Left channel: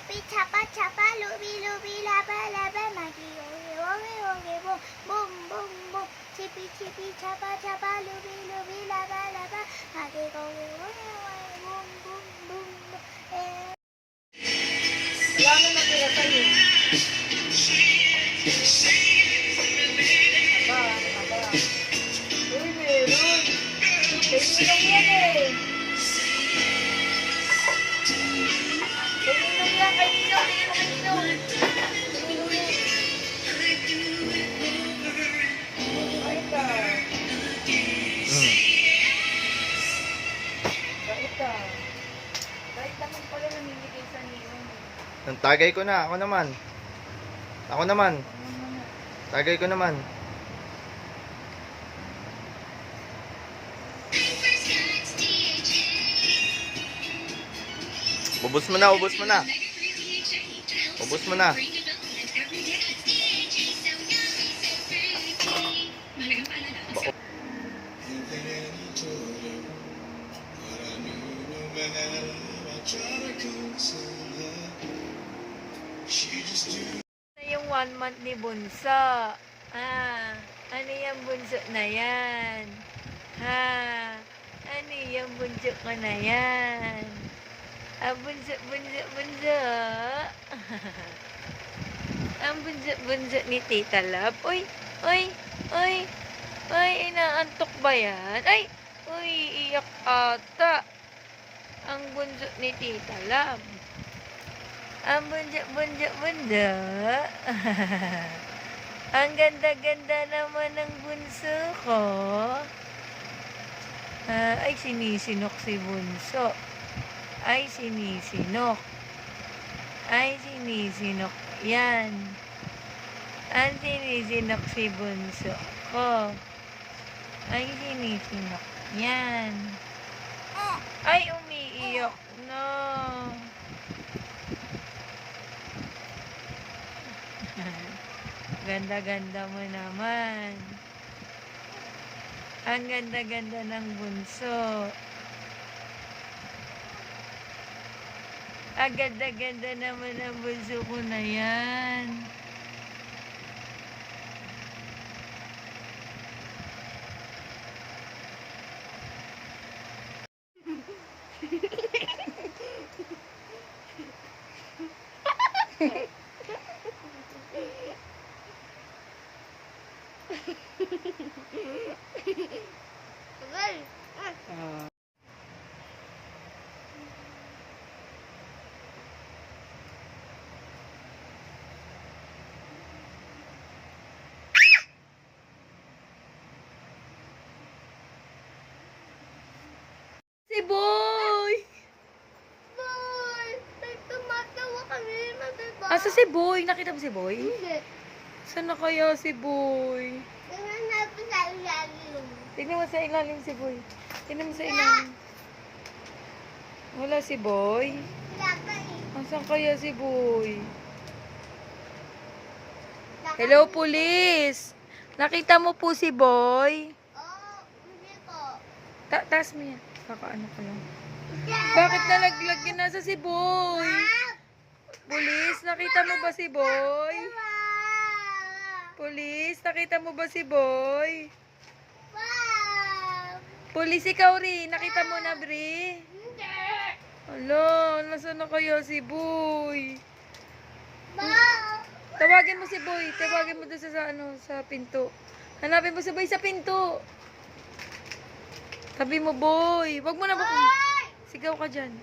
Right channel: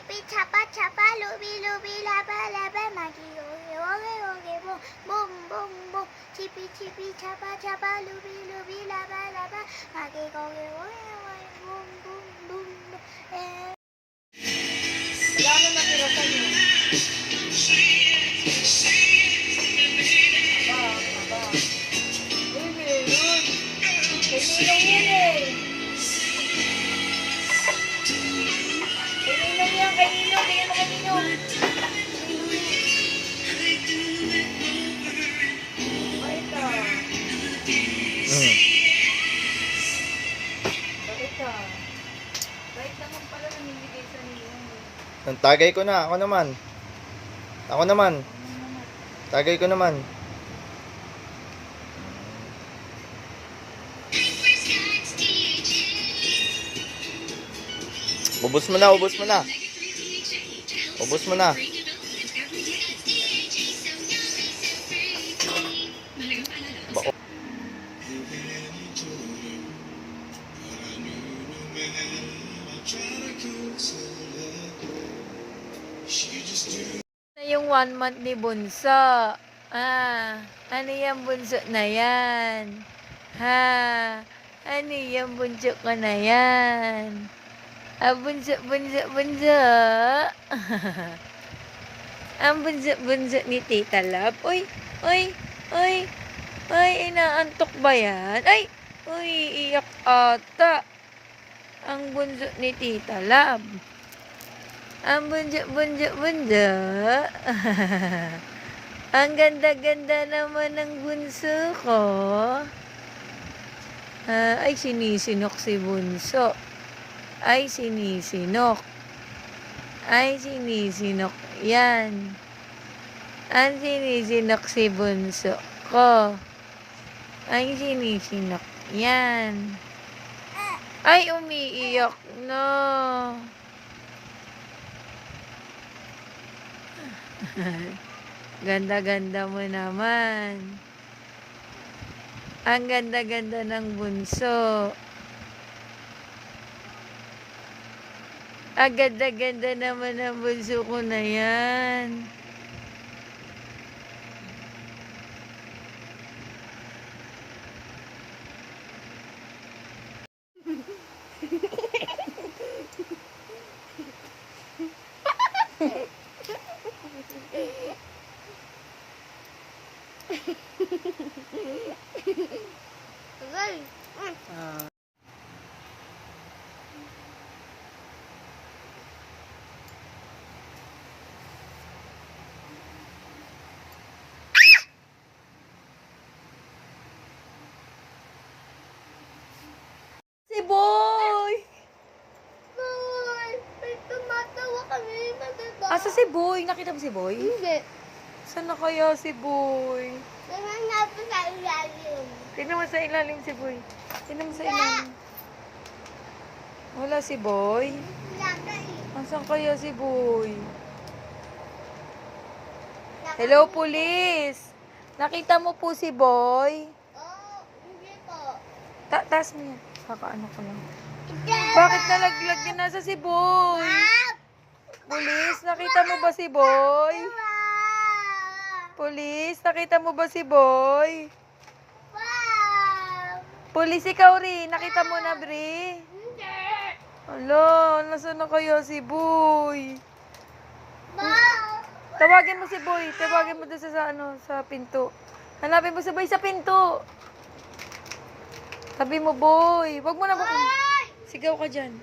chipi, chapa, chapa, lubi, lubi, laba, laba, magi, oge, oge, oge, boom, boom, boom, boom. Chipi, chipi, chapa, chapa, lubi, lubi, laba, laba, magi, oge, oge, oge, boom, boom, boom, boom. Wala nang natira sa'yo. Aba. Uy, meron. Kailangan yan eh. Kailangan yan, kailangan. Bigyan mo kailangan. Ay, ito. Ito. Kahit naman pala namimigay sa niyo. Tagay ko na. Ako naman. Tagay ko naman. Ubus mo na. Ubus mo na. Yung 1 month ni Bunso. Ano yung bunso na yan? Ano yung bunso ko na yan? Bunso. Ang bunso ni Tita Love. Uy, inaantok ba yan? Iiyak ata. Ang bunso ni Tita Love. Ang bunso. Ang ganda-ganda naman ng bunso ko. Sinisinok si bunso. Sinisinok. Yan. Ang sinisinok si bunso ko. Sinisinok. Yan. Umiiyak na. Ganda-ganda mo naman. Ang ganda-ganda ng bunso. Ang ganda-ganda naman ng bunso ko na yan. Si Boy! Boy, may tumatawa kami, diba? Asa si Boy? Nakita mo si Boy? Hindi. Saan na kaya si Boy? Tingnan natin sa ilalim. Tingnan mo sa ilalim si Boy. Tingnan mo sa ilalim. Wala si Boy? Asan kaya si Boy? Hello, police! Nakita mo po si Boy? Hindi po. Taas mo yan. Kakaano ko lang. Bakit nalaglag din? Nasa si Boy? Police, nakita mo ba si Boy? Police, nakita mo ba si Boy? Police, ikaw rin. Nakita mo na, Bri? Hala, nasaan na kaya si Boy? Tawagin mo si Boy. Tawagin mo doon sa pinto. Hanapin mo si Boy sa pinto. Sabi mo, Boy. Wag mo na ba? Sigaw ka dyan.